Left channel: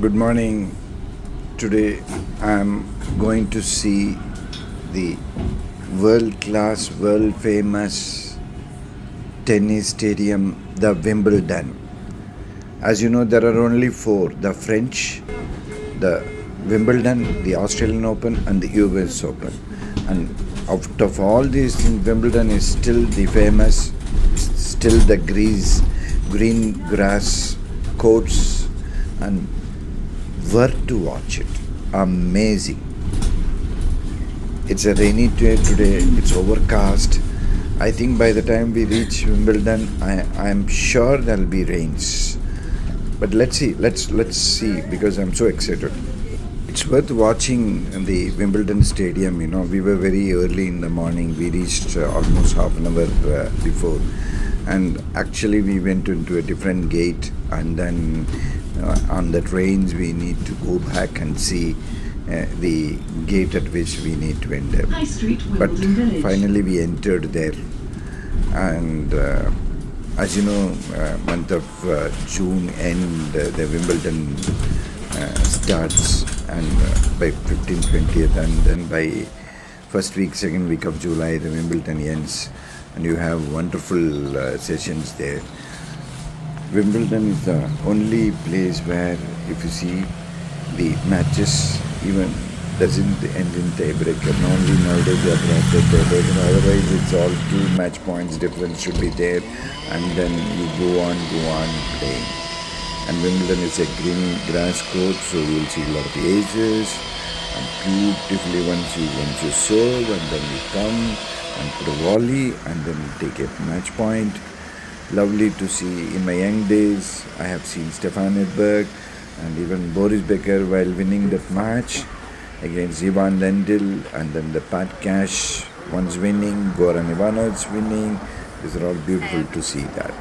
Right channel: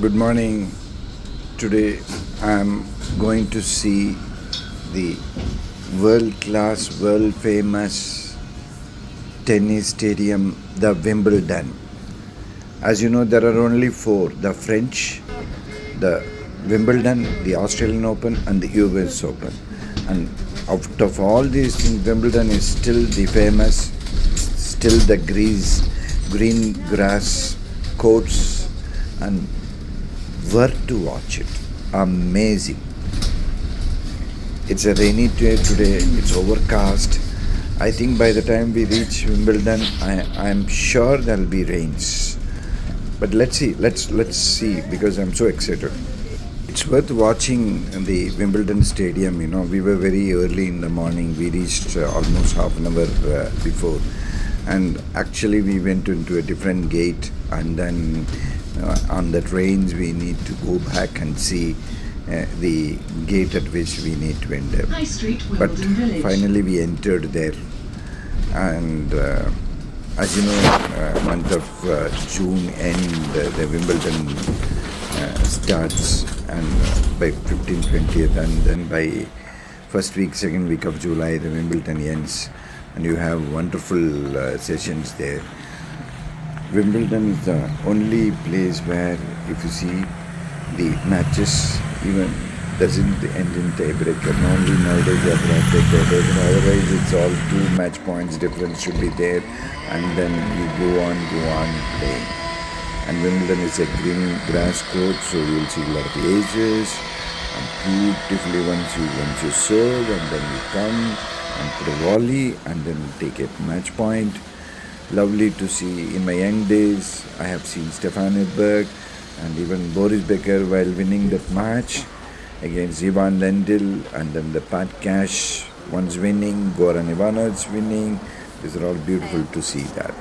Good morning. Today I'm going to see the world class, world famous tennis stadium, the Wimbledon. As you know, there are only four: the French, the Wimbledon, the Australian Open, and the US Open. And out of all these things, Wimbledon is still the famous, still the green grass courts, and worth to watch it. Amazing. It's a rainy day today. It's overcast. I think by the time we reach Wimbledon, I'm sure there'll be rains. But let's see. Let's see because I'm so excited. It's worth watching the Wimbledon Stadium. You know, we were very early in the morning. We reached almost half an hour before, and actually we went into a different gate, and then on the trains we need to go back and see the gate at which we need to enter. But finally we entered there, and as you know, month of June end, the Wimbledon starts, and by 15th, 20th, and then by first week, second week of July, the Wimbledon ends, and you have wonderful sessions there. Wimbledon is the only place where, if you see, the matches even doesn't end in tiebreaker. Normally nowadays they are brought to tiebreaker. Otherwise, it's all two match points difference should be there, and then you go on playing. And Wimbledon is a green grass court, so you'll see a lot of ages, and beautifully once you serve, and then you come and put a volley, and then take a match point. Lovely to see. In my young days, I have seen Stefan Edberg and even Boris Becker while winning that match against Ivan Lendl, and then the Pat Cash once winning, Goran Ivanovic winning. These are all beautiful to see that.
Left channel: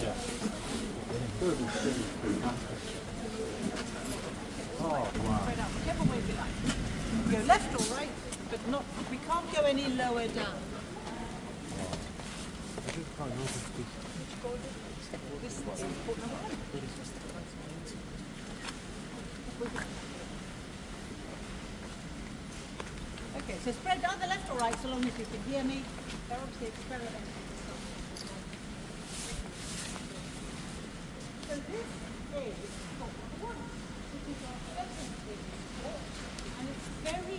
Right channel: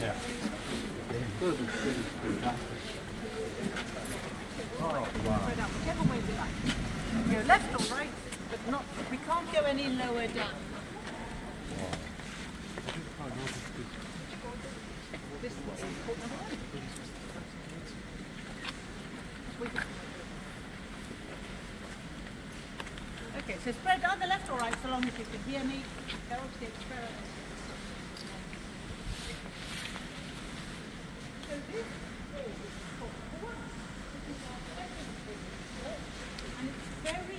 Yeah. Oh, wow. Go left or right, but not. We can't go any lower down. Okay, so spread either left or right, so long as you can hear me. They're obviously experimenting. So this is for one. And it's very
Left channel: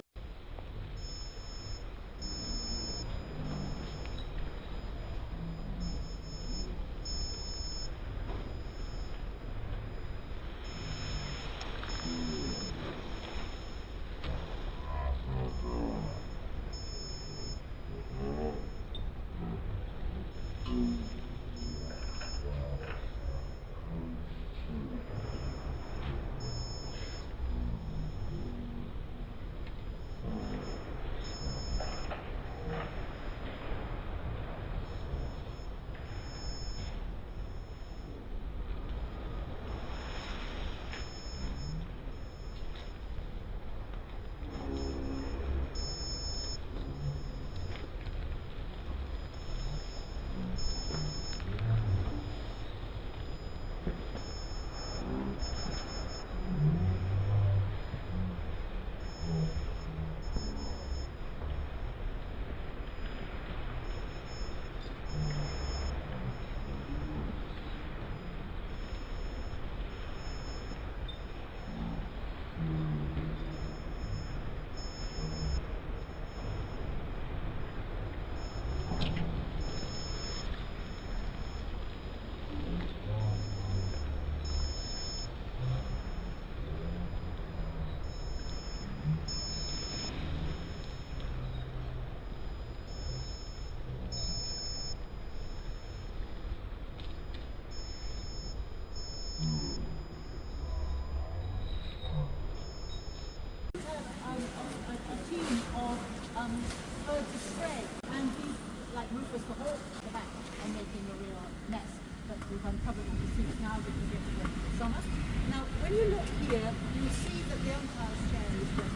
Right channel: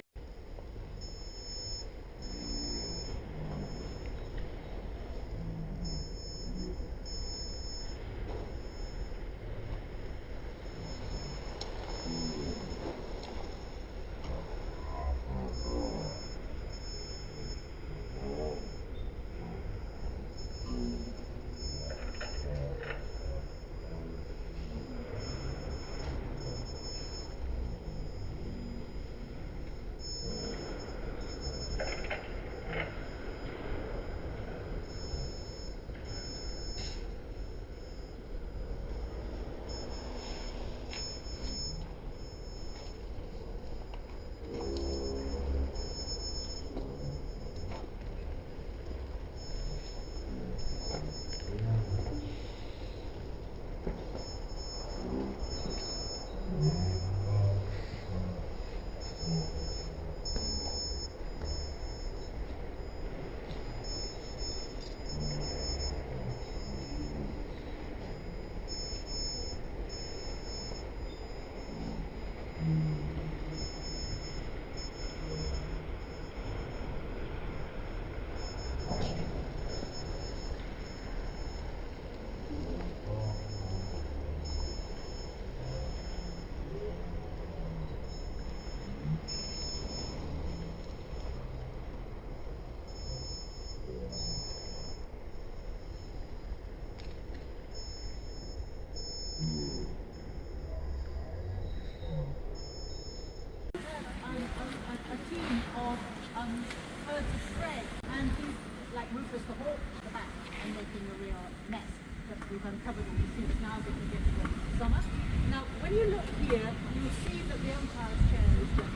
covered with the seats now that you get to the summer. Now, when you look here, you see that the umpire's chair is just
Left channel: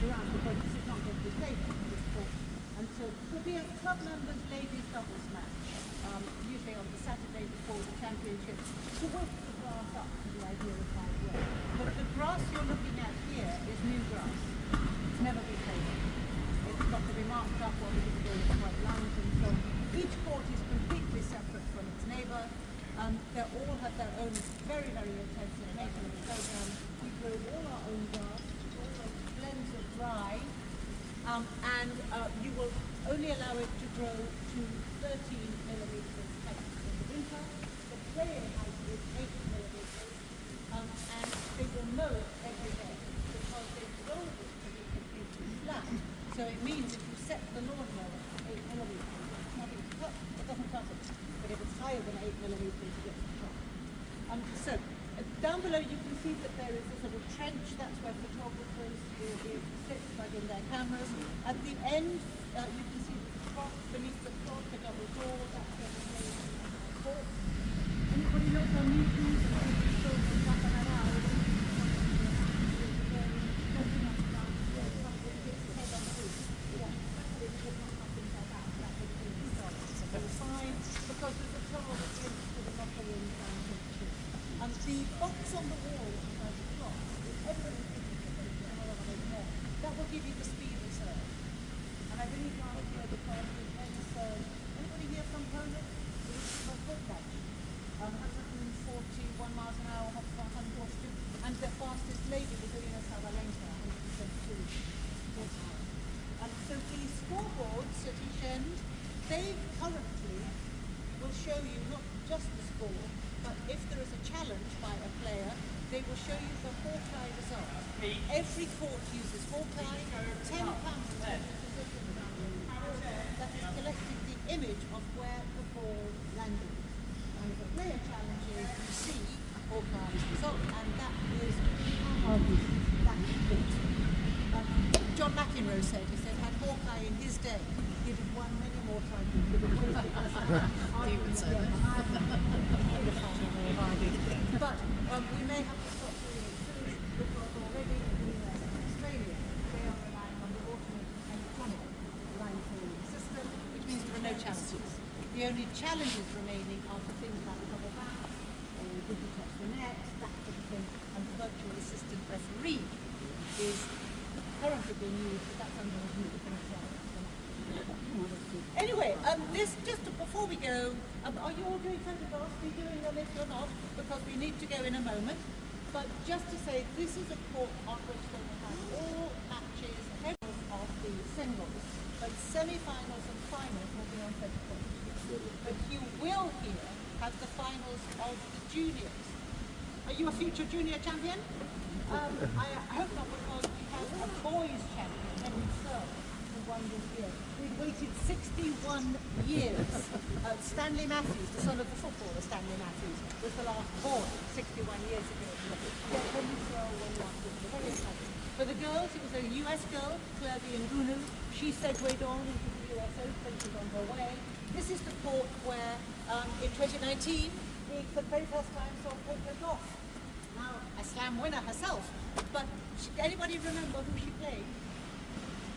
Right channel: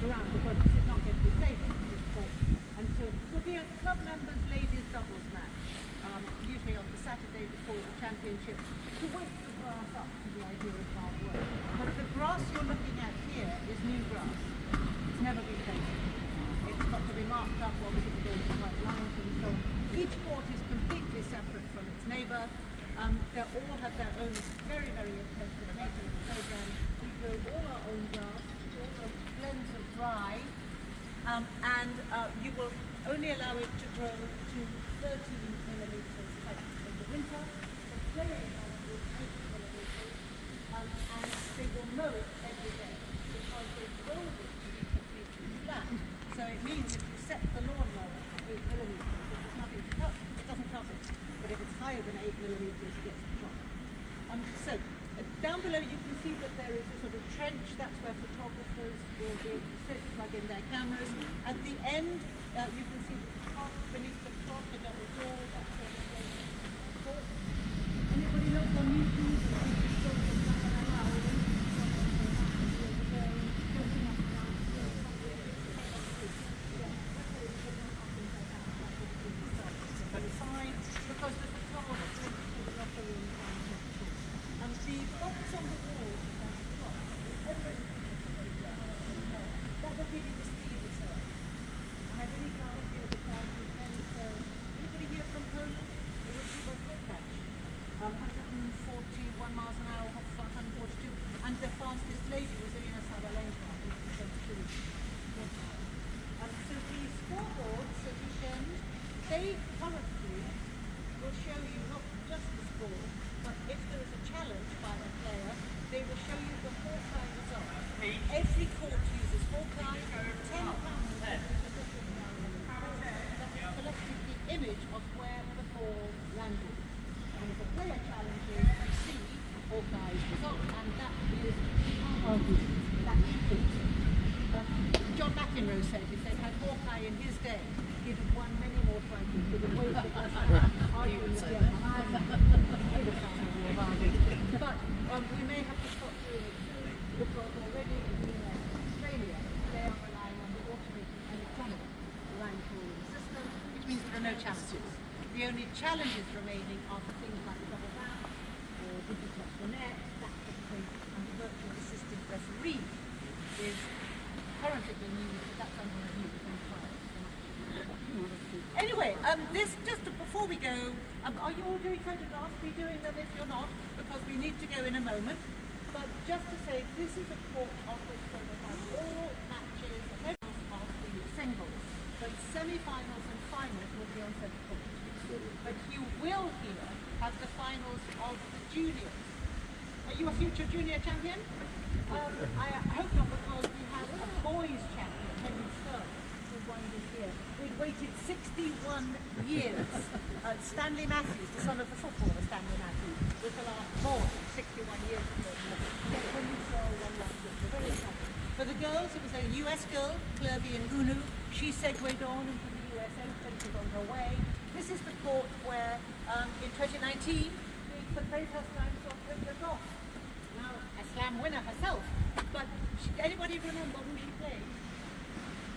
around because you can't get the table at this point. And so, for the club members' ladies doubles match, usually on the Saturday before the championship, to whip the grass up to the idea of hard work. But the grass you're looking at here is new grass. It's never been painted. It's got to be marked up or it's going to be lines, and so each court is completely separate from its neighbour. They all have their own very, very intensive maintenance program. We grow all our own grass, all the blends are dry, and you will only allow it to grow to 13 millimetres in the winter. The playing house will 8 millimetres, and they will mow it every day because they've rolled it to be completely flat. So it means if you set the lawnmower at 8 millimetres, it's nothing to cut. It doesn't cut it. But if it's higher than 8 millimetres, it gets chopped. So down below you can see that there is a sort of trench. That's where photographers will be plug in their cameras. At the end, you can see the clock beneath the clock, a double door. That's where the court. Anybody look on YouTube? Because there's a trouble that links to the upper room down here. The box on the wall has a clock. That will give you the speed reserve. And I really like here because it ends, anybody here from Poland? This is a foot match. 141 miles an hour, 142. And the fastest lady was doing us how the lanes so the scoreboards at each end, they currently will show you not just the score, but if there is a challenge by a player, they will show you the Hawkeye result. Every court uses Hawkeye. There are 10 counters that has collected the image of where the ball landed. And if a player challenges, you see Hawkeye's result, and that is good. John McEnroe said if they'd had Hawkeye in his day, he'd have won many more trophies. He would say that. But we may have to stop doing it soon because already in Australia they are relying on the alternate and tunnel line calling system, which means there are no challenges. The only challenges remaining are the things like double back, did you touch the net, that sort of thing, and the virtual assistant referee is currently being used, but that's under review. Anyway, this just before we go, are you all doing photographs? Be doing them if you're not, because we need to go in a moment. But just to say, this is a court on which they will have all matches of the singles, but semi-finals and finals will be on photographs. But you will here have the finals of the juniors. Are you a future junior champion? I hope not, because we have a boys champion, Henry Sir, who won this year. We'd waited 61 years. Stanley Matthews, the son of the footballer Stanley Matthews, was the last boy 61 years ago. Yet Henry Sir won last year. For the girls, it was a US girl, Kirby and Unu. She segued on into the US Open, she's on her way. This is the court where, in 2019, we for the very first time saw Tokyo Golf. Now a slam winner herself, but anybody remember who she played?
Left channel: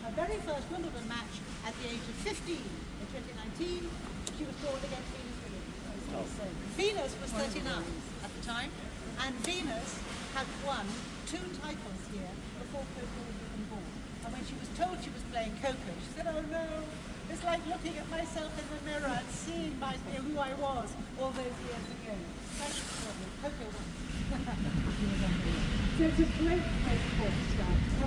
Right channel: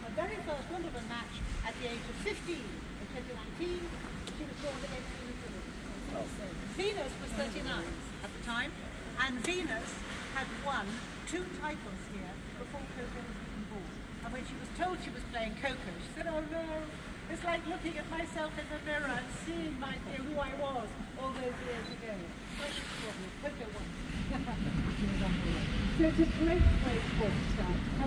Her very first Wimbledon match at the age of 15 in 2019, she was drawn against Venus Williams. Venus was 39 at the time, and Venus had won 2 titles here before Coco was even born. And when she was told she was playing Coco, she said, "Oh no, it's like looking at myself in the mirror and seeing who I was all those years ago." Coco won. So it's a great sport. A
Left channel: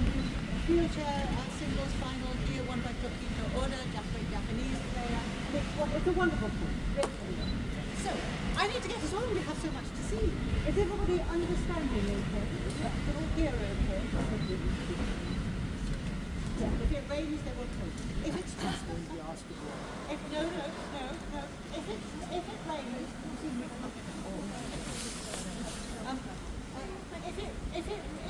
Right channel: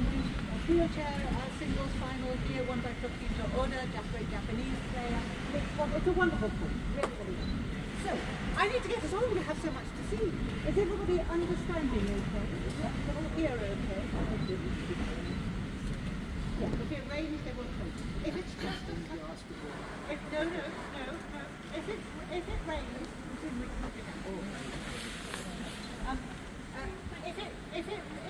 wheelchair singles final here won by Tokito Oda, Japanese player. It's a wonderful point. So, I need to get us on. We have so much to see. Is everybody understanding the importance? Here, okay. Yeah, if it rains, they will come. If it's just no. If it rains,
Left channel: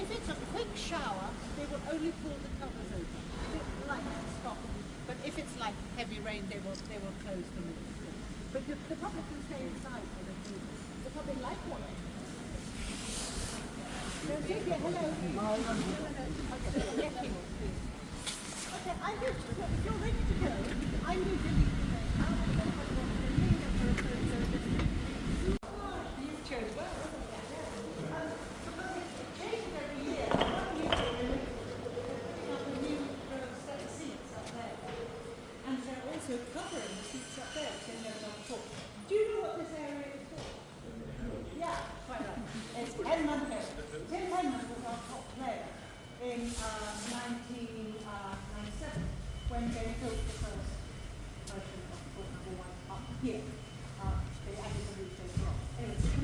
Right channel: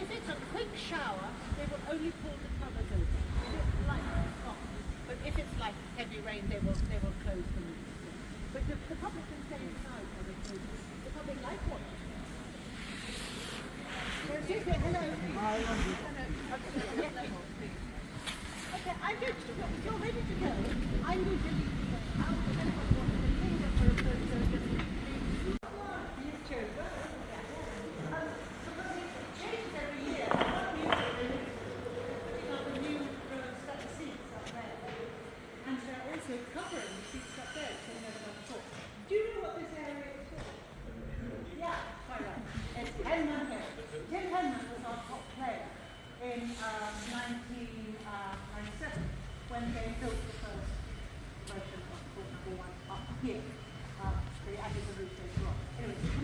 if it's a quick shower, they will only pull the covers over. If it's light, stop. But if it's like heavy rain, they will close them. But the public can stay inside. Because they like one. So take it, hello. Okay, I'm good. If you're ready to go, I need to leave. These chairs, and they're also covering the seats up there, so you know what I'm talking. Do you know what this area is called? Yeah, quite right. It's Henman Place. Tim Henman was our top player in 1997 when they built the first version of football up here. They added the roof later on. Anyway, so come on.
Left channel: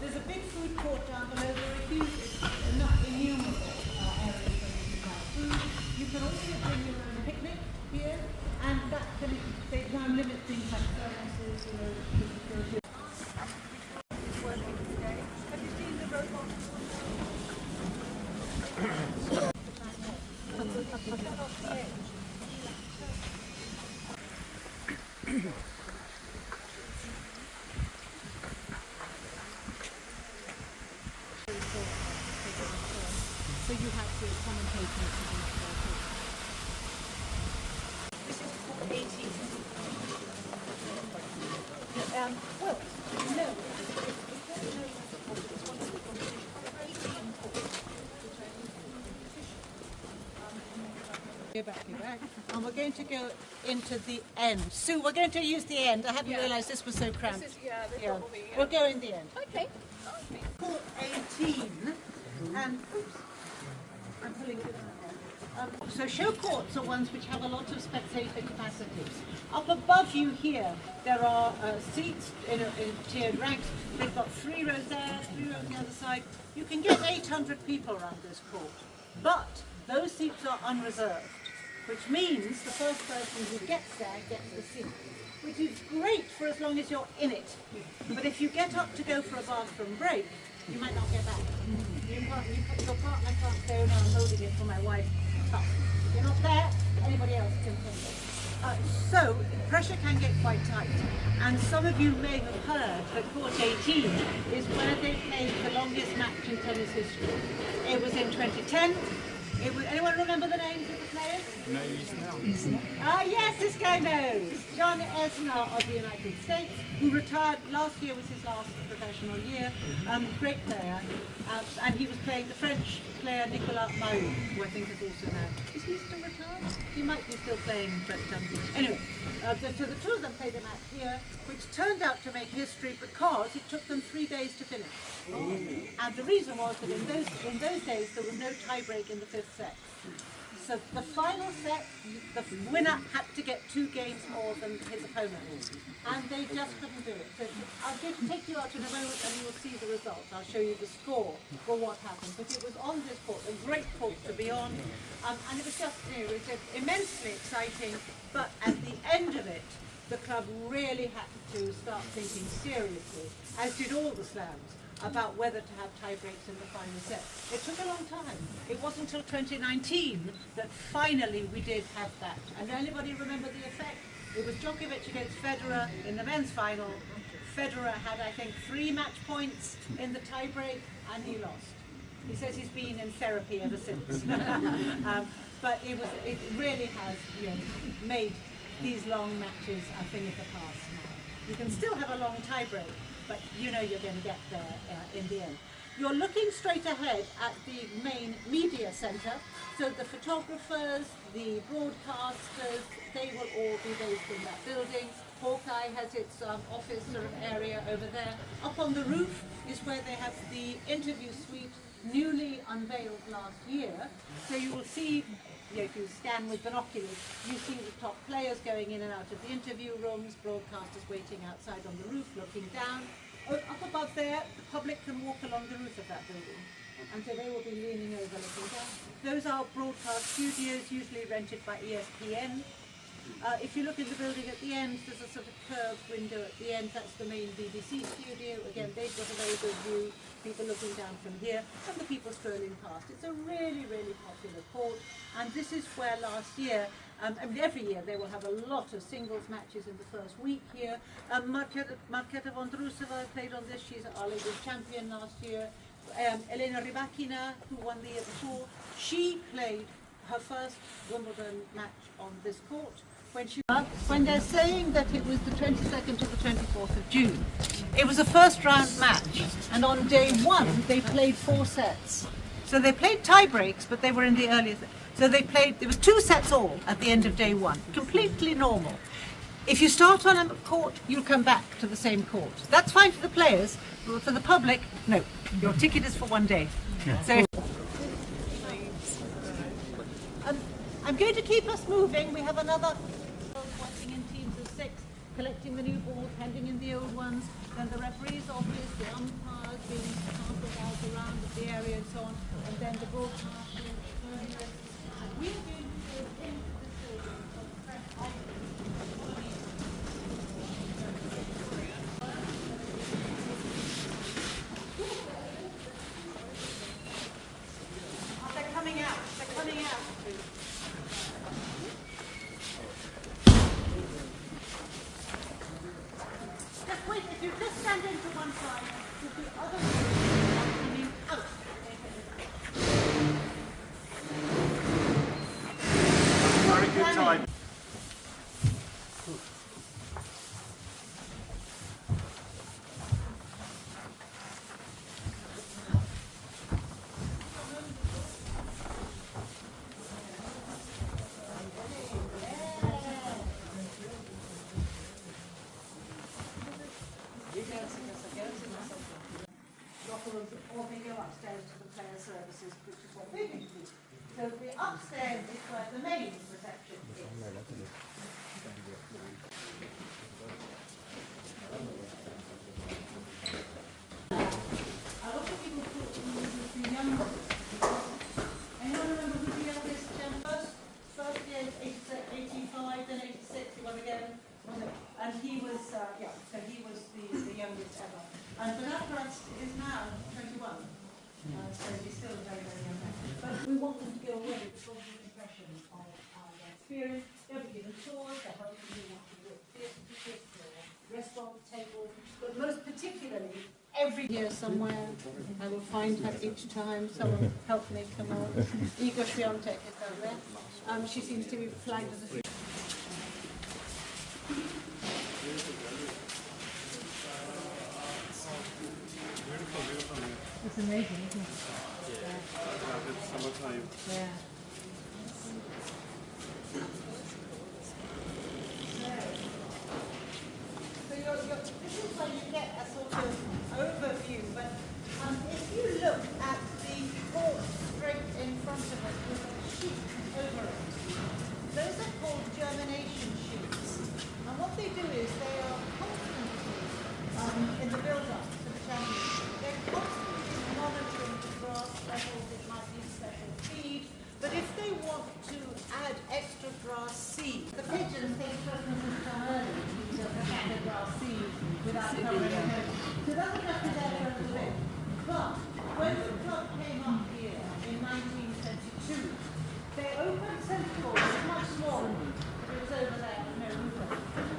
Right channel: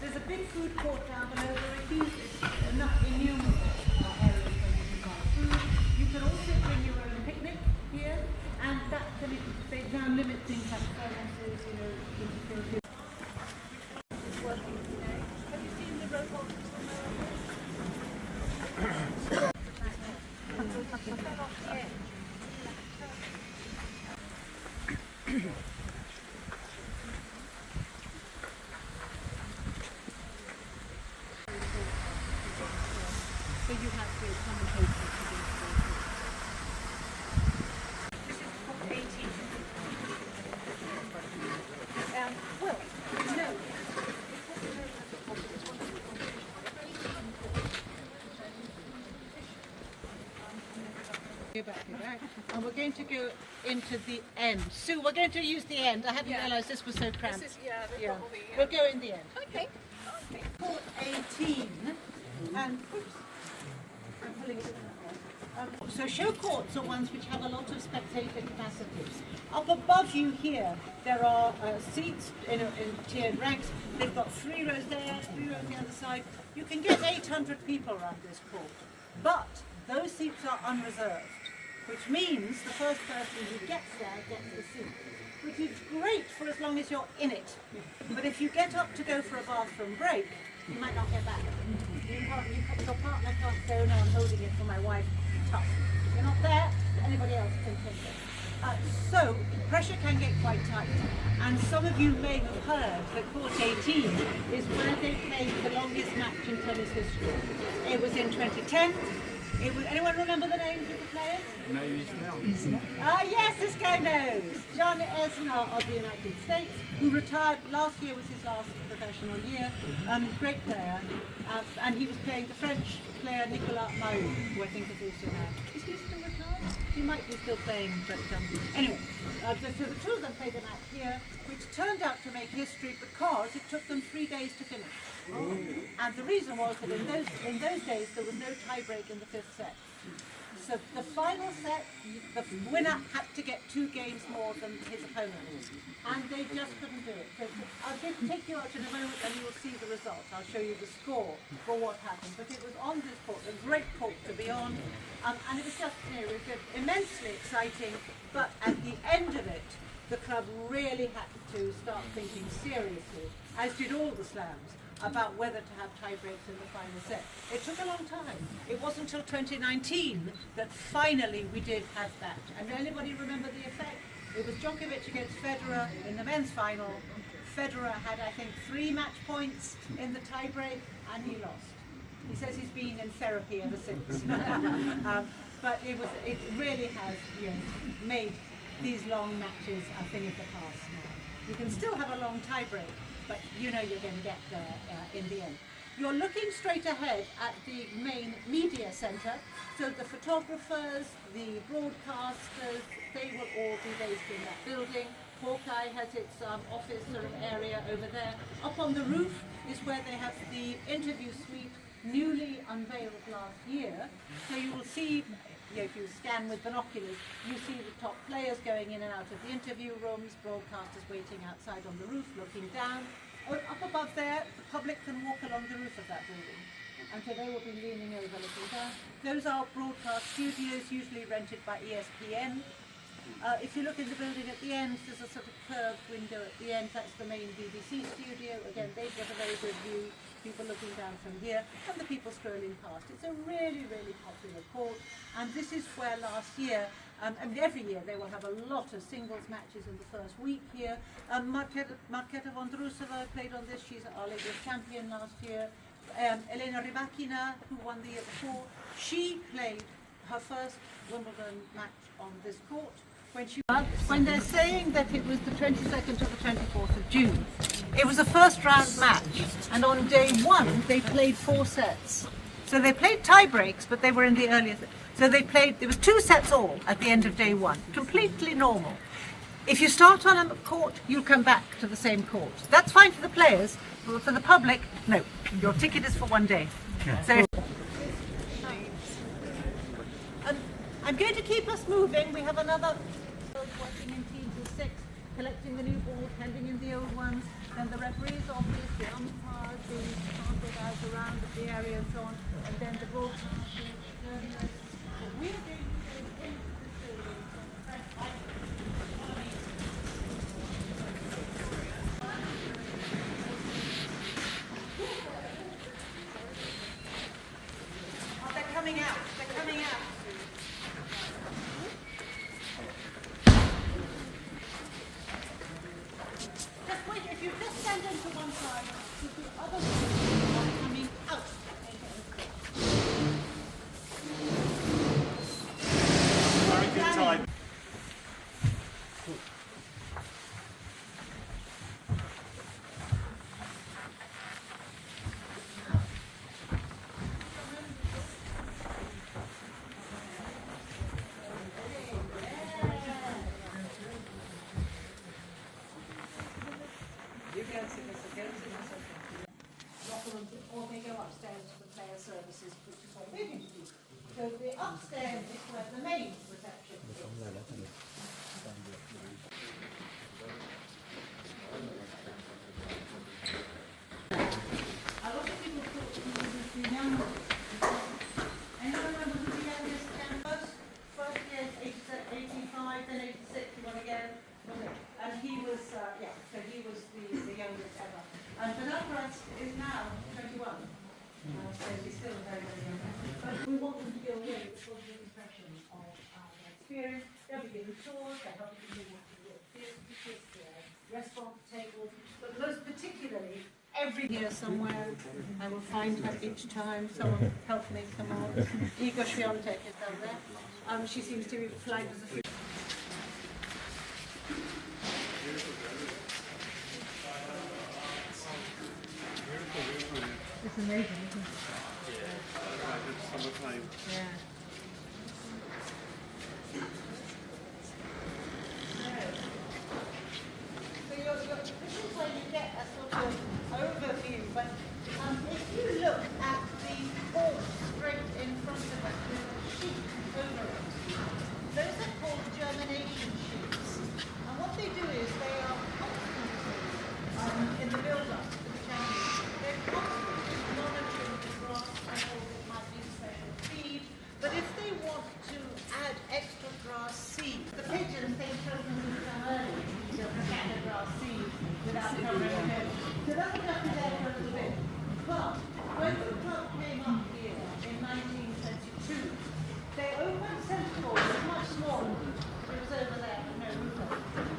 There's a big food court down below. There are huge, enough innumerable areas where you can have food. You can also bring your own picnic here, and that can, they now limit things like performances, you know, you can do. It's working today. Have you seen the robots on So you have to commentate on this is top 18. Well, no. Go back. And we're going to go into the end. Sue, we're going to use the end. I haven't realised this was so cramped. We'll go in the end. Okay. Court 18 and oops, I'm pulling it. So show courts are ones which have a lot of spectator capacity. Up above you here, there are seats in tiered ranks. They've got 3 rows there, 3 rows on the other side. You can get 800 people around this court, but those seats are unreserved, which means the first person who gets there gets the seat, which is great for as long as you're in it. But if you get up to go for a bathroom break, you might not get back. Your partner can't go, no, I'm holding it for my wife. Tough. You're not there, anybody else can take it. So, pressure can get quite tight. And some of you may have heard that Court 18 is where they played the longest match in tennis history. It was in 2010. Anyone remember the names of the players? No, Islam. Ah, yes, this guy knows. John Isner of the United States, who retired last year, was his last professional year. Great player. And he was playing the French player Nicolas Mahut, who I think is also now. Is he still retired? He might be still playing, but anyway. So the two of them played a match here, which turned out to make history because it took them 3 days to finish. And the reason was that in those days there was no tie break in the 5th set. So the final set, the winner had to get 2 games more than his opponent, and they just couldn't do it. So I'll just take you out in a moment and you will see the result. I'll show you the score for what happened. But it was on this court, a great court to be on, and it was just, it was just immensely exciting. But at the end of it, the club really had to start thinking seriously, as did all the slams, about whether to have tie breaks in the final set. It took a long time. It wasn't until 2019 that finally we did have that. And anybody remember the effect? It was Djokovic against Federer in the men's final. Federer had, I think, 3 match points in the tie break, and he lost. He says he's been in therapy ever since. But it really has, you know, made these long matches a thing of the past now. You can still have a long tie break, but you know you're going to get there in the end. You're looking straight ahead at the main media centre, so the photographers, the broadcasters, they will all be based in that building. Hawkeye has its office sort of area over there. Up on the roof is where they have the interview suite, newly unveiled last year. So you will see, if you scan with binoculars, you see the top players going in and out of the interview rooms, broadcasters waiting outside on the roof looking down. Up above there, the public can walk along the roof of that building, and so they will be leaning over looking down. Those are broadcast studios, usually rented by ESPN. If you look in the building at the end, there's a sort of curved window at the end. That's the main BBC studio. Again, they've got a very good view, people looking down from here, and the people strolling past. It's a really, really popular court, and this is where last year And every year they will have a lot of singles matches in the first week here. Marketa Vondrousova played on this. She's our ladies champion last year. Elena Rybakina, who won the year before, she played her first Wimbledon match on this court. When they're saying that it was the 22nd to the 24th of June, it was a first round match, and on day one they played 4 sets. So they played tie breaks, but they were in the earlier. So they played. There was 2 sets all at the end of day one, completely normal. If you start on a court, you come back to the same court. That's fine for the players, but for the public, no. Your ticket is for 1 day. So I'm going to keep us moving. We have another watching in teams of 6, collecting the new balls, handing in the old ones, and the referee's office, the umpires being transferred out around the area and so on, and then the broadcasting. We're going to They're coming out. They're coming out. Just wait, if you just stand into one side, the other one is coming out. Very good time. Or they go upstairs to the player services, which is what we're going to do. So the upstairs is where the main reception is. A lot of people thought we were the young. Anyone remember who the youngest campus? First year is 85, then 86, you want to get him? Was it? And he was, so he was the youngest ever. And Bernard is now 21. So he's still a very, very young man. But we want them to go away with a positive impression of their experience. They'll be given tours, they'll help them do theatre tickets, restaurant tables, but most particularly, every year somewhere, I will find her each time. Someone help me come on. Igor Swiatek is down there. She seems to be flagged as a It's amazing, isn't it? It's summertime. Yeah. This is where you get a sort of overview, but if you look at the board straight in front of us with a sheet over it, those are called germination sheets. And what they do is they are constantly, in the build-up to the championship, they're constantly monitoring the grass levels, it might be special feed, but if they want to add extra grass seed, the pigeons they throw them in the early to add the grass seed without knowing it. So that would have to be there for a little bit. But when the club came up here in 1922, they opened Central, it was much smaller, it was over there, no roof.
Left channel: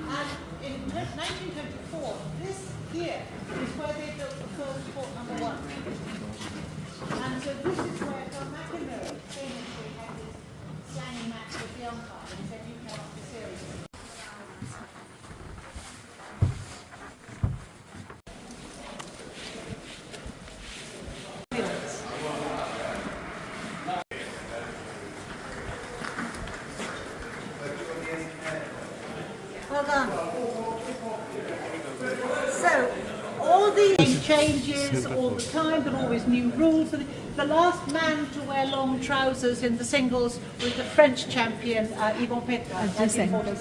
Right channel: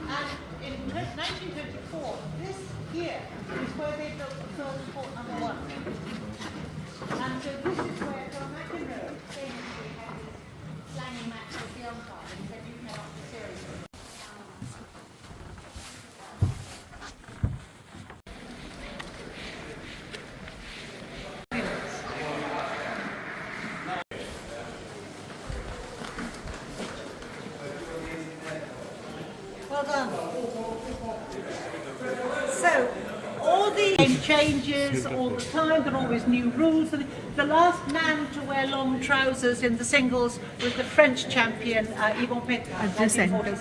And in 1924, this here is where they built the first court number 1. And so this is where John McEnroe famously had his slangy match with the umpire and said, you know what the series is. Well done. So, all the changes all the time, but always new rules. The last man to wear long trousers in the singles was the French champion, Yvon Petit.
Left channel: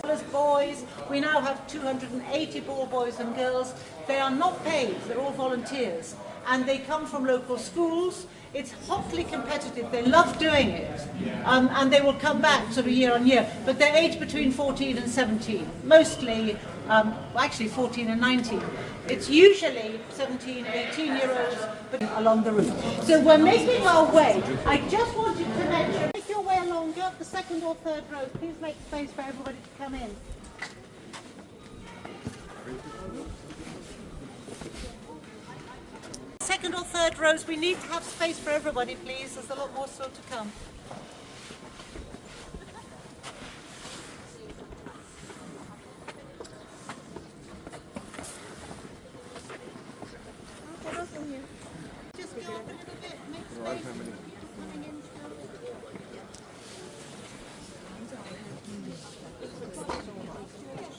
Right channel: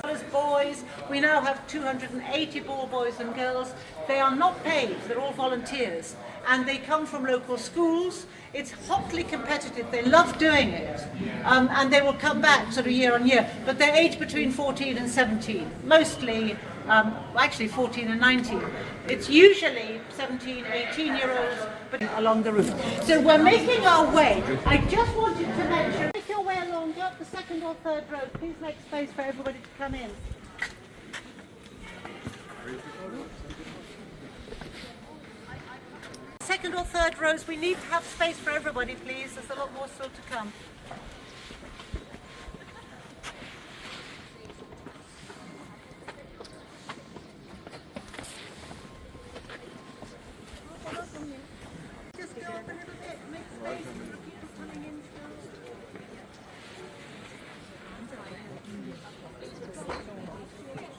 As boys, we now have 280 ball boys and girls. They are not paid, they're all volunteers. And they come from local schools. It's hotly competitive. They love doing it, and they will come back sort of year on year. But they're aged between 14 and 17, mostly, actually 14 and 19. It's usually 17, 18-year-olds, but along the route. So we're making our way. I just wanted to mention, if you wear long go up the second or third row. Please make space for everybody to come in. Second or third rows, we need to have space for everybody, please. There's a lot more still to come. Just go up a little bit. Make space.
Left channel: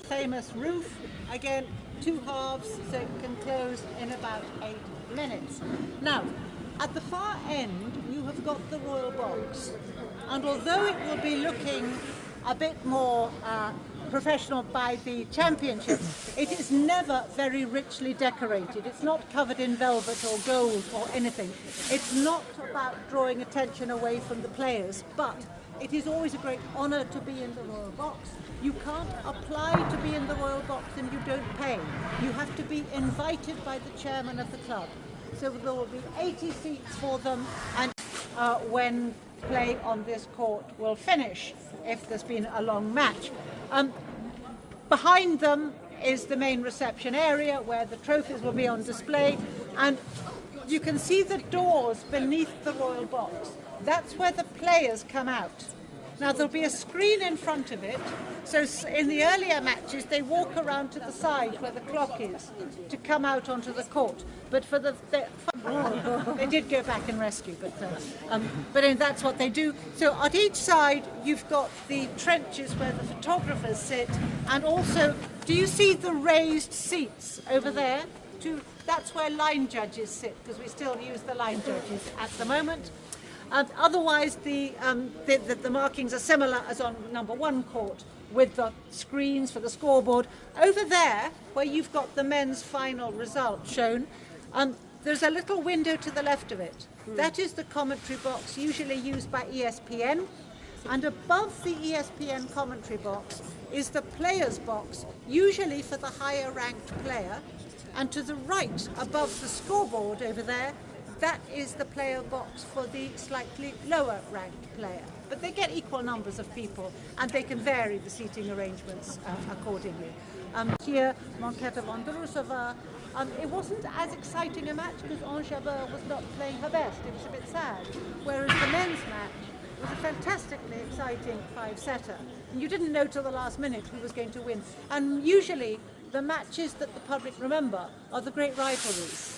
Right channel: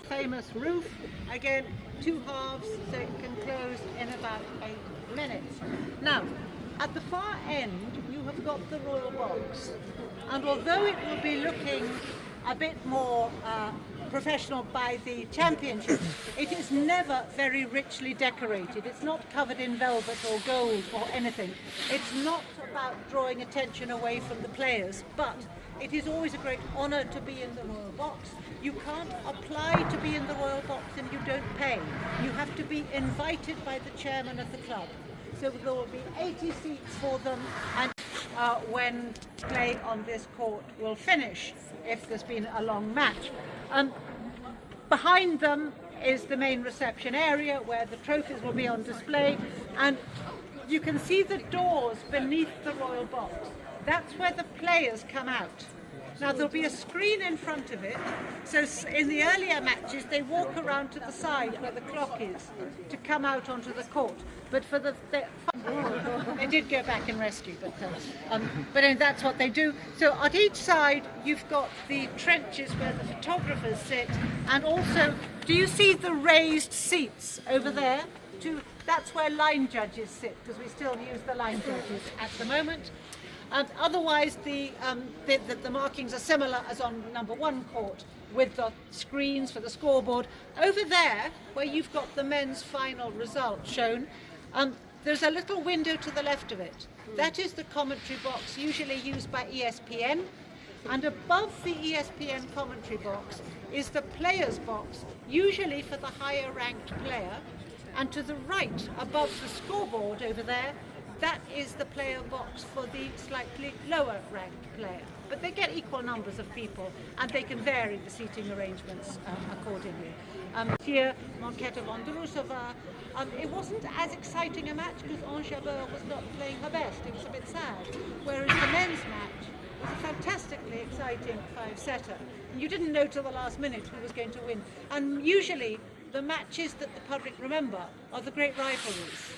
Famous roof, again, 2 halves, so it can close in about 8 minutes. Now, at the far end, you have got the royal box, and although it will be looking a bit more professional by the championship, it is never very richly decorated. It's not covered in velvet or gold or anything. It's not about drawing attention away from the players, but it is always a great honour to be in the royal box. You can't apply to be in the royal box and you don't pay. You have to be invited by the chairman of the club. So there will be 80 seats for them, and when play on this court will finish, if there's been a long match. Behind them is the main reception area where the trophies will be on display, and you can see the doors beneath the royal box. That's where the players come out. Now there'll be a screen in front of it, so in the earlier matches they walk around to the side where the clock is to come out onto the court. But for they did go back and rescue, but that's what they do. So at each side you've got the trenches where the photographers sit, and also, do you see the raised seats over there? That's where line judges sit, because we still use the line judges at the moment. Otherwise, the markings are similar as on number 1 court, with the screens for the scoreboard. Over there, where you've got the men's final result shown, there's a little window to the left of it. That is the commentary box, usually used by ESPN. And above the ESPN commentary box is the players' box, usually for the higher ranked player. And to the right, above the scoreboard over there, that is the player box for the slightly lower ranked player. But they get equal numbers of people, and they can vary the seating arrangements accordingly. Here, Monketa Bondrusova, it wasn't as exciting a match because Anjabeur was not playing her best. It was a bit sad. Whereas the men's match was a fantastically exciting 5-setter. And you didn't know till the last minute who was going to win. And usually, the matches that the public remember are the great rivalries,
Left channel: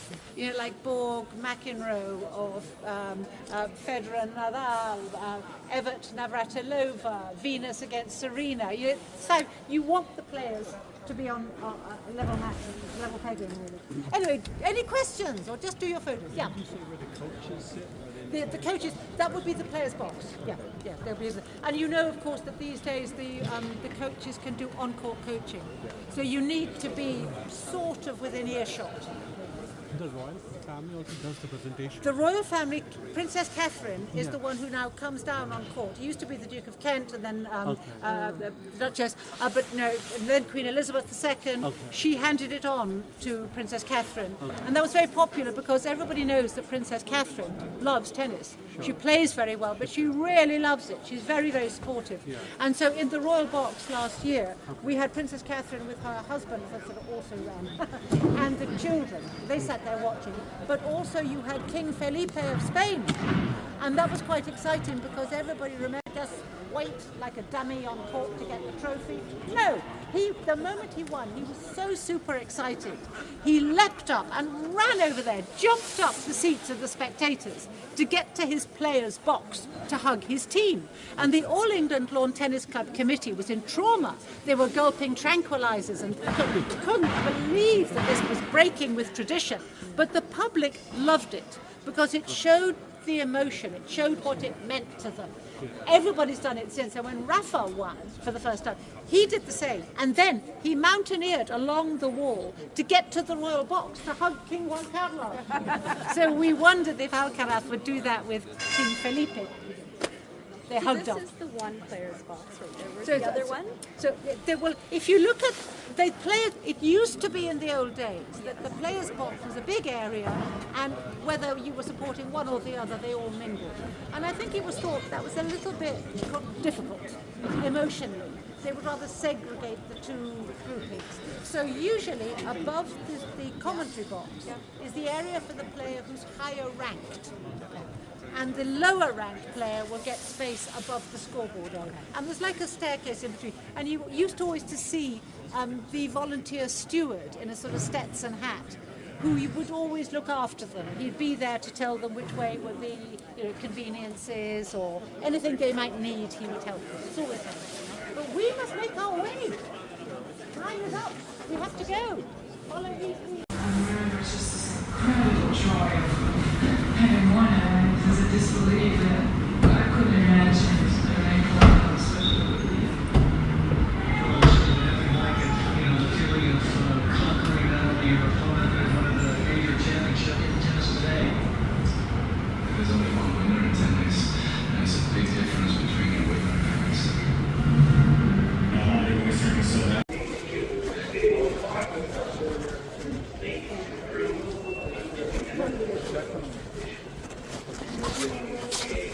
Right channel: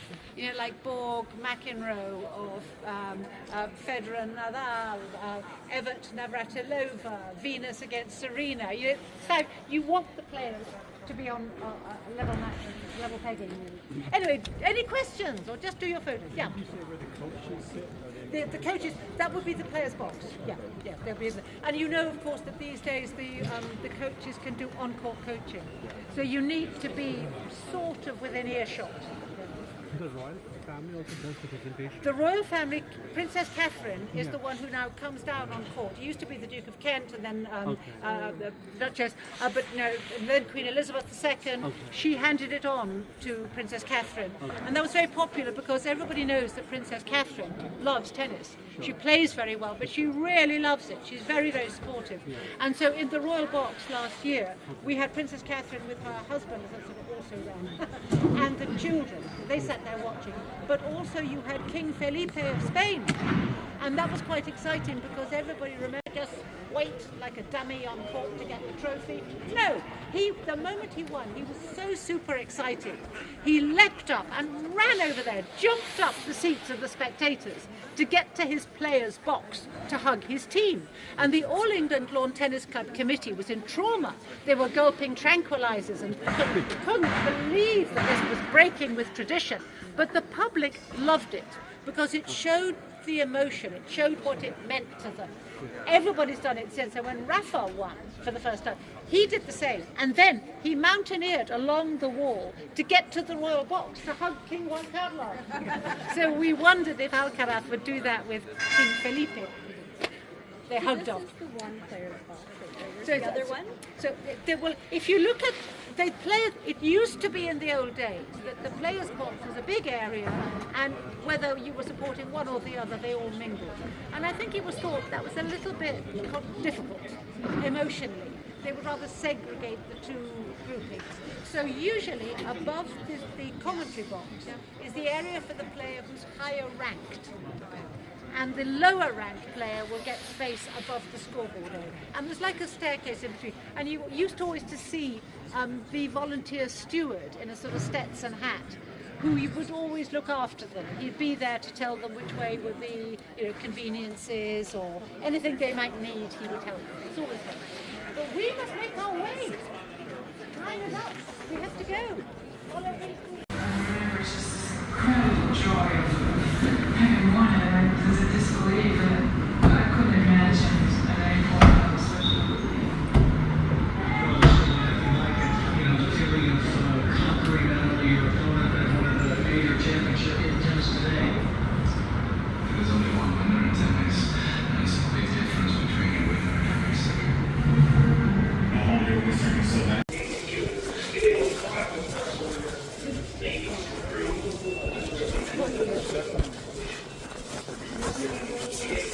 like Borg, McEnroe, or Federer, Nadal, Evert, Navratilova, Venus against Serena. So you want the players to be on level matches, level pegging. Anyway, any questions, or just do your photos? Yeah. Did you say where the coaches sit? The coaches, that would be the players' box. Yeah, they'll be. And you know, of course, that these days the coaches can do on-court coaching. Yeah. So you need to be sort of within earshot. The royal family also does the presentation. The royal family, Princess Catherine is the one who now comes down on court. He used to be the Duke of Kent, and then the Duchess, but no, and then Queen Elizabeth II. Okay. She handed it on to Princess Catherine, and that was very popular because everybody knows that Princess Catherine loves tennis. Sure. She plays very well, but she really loves it. She's very, very supportive. Yeah. And so in the royal box last year, we had Princess Catherine with her husband, also ran, and the children. They sat there watching. But also you had King Felipe of Spain, and that was quite exciting because everybody remembered just wait like a dummy on court to get the trophy. No, the moment he won, he was so super excited. He leapt up and ran over there, jumped up the seats of the spectators to get to his players' box to hug his team. And the All England Lawn Tennis Club committee was in trauma. They were gulping tranquilizers and couldn't believe that this was breaking with tradition. But the public loved it because it showed the emotion, it showed what it meant to them. Everybody's done it since, and when Rafa won for the first time, he did the same, and then he mountaineered along the wall to get to the royal box to hug King Juan Carlos. So we wondered if Alcaraz would do that with King Felipe. They hugged up. This is the one player's box right there. Where's So the other one? So they will. If you look at, they play. It used to be in the old days that the players' box was a big area, and whether you were supporting one or the other, they all mingled. And I think it was thought that was a little bit difficult emotionally. They would rather segregate the two groupings. So usually above the commentary box is the area for the player who's higher ranked. And the lower ranked player will get space above the scoreboard area. And there's like a staircase in between. And you used to always to see the volunteer steward in a sort of Stetson hat, who you would always look after them. He'd be there to tell them which way were the conveniences or anything they might need, he would help them. It's always nice. But we must make our way. Time is up. We have to go. Follow me. It's just this incredible joy of having won it. It was a disbelief that I couldn't imagine at any point how special it would be. The feeling of conquering not only your opponent but one of the major championship teams today. There's only one winner in tennis. That's a big difference between a winner and a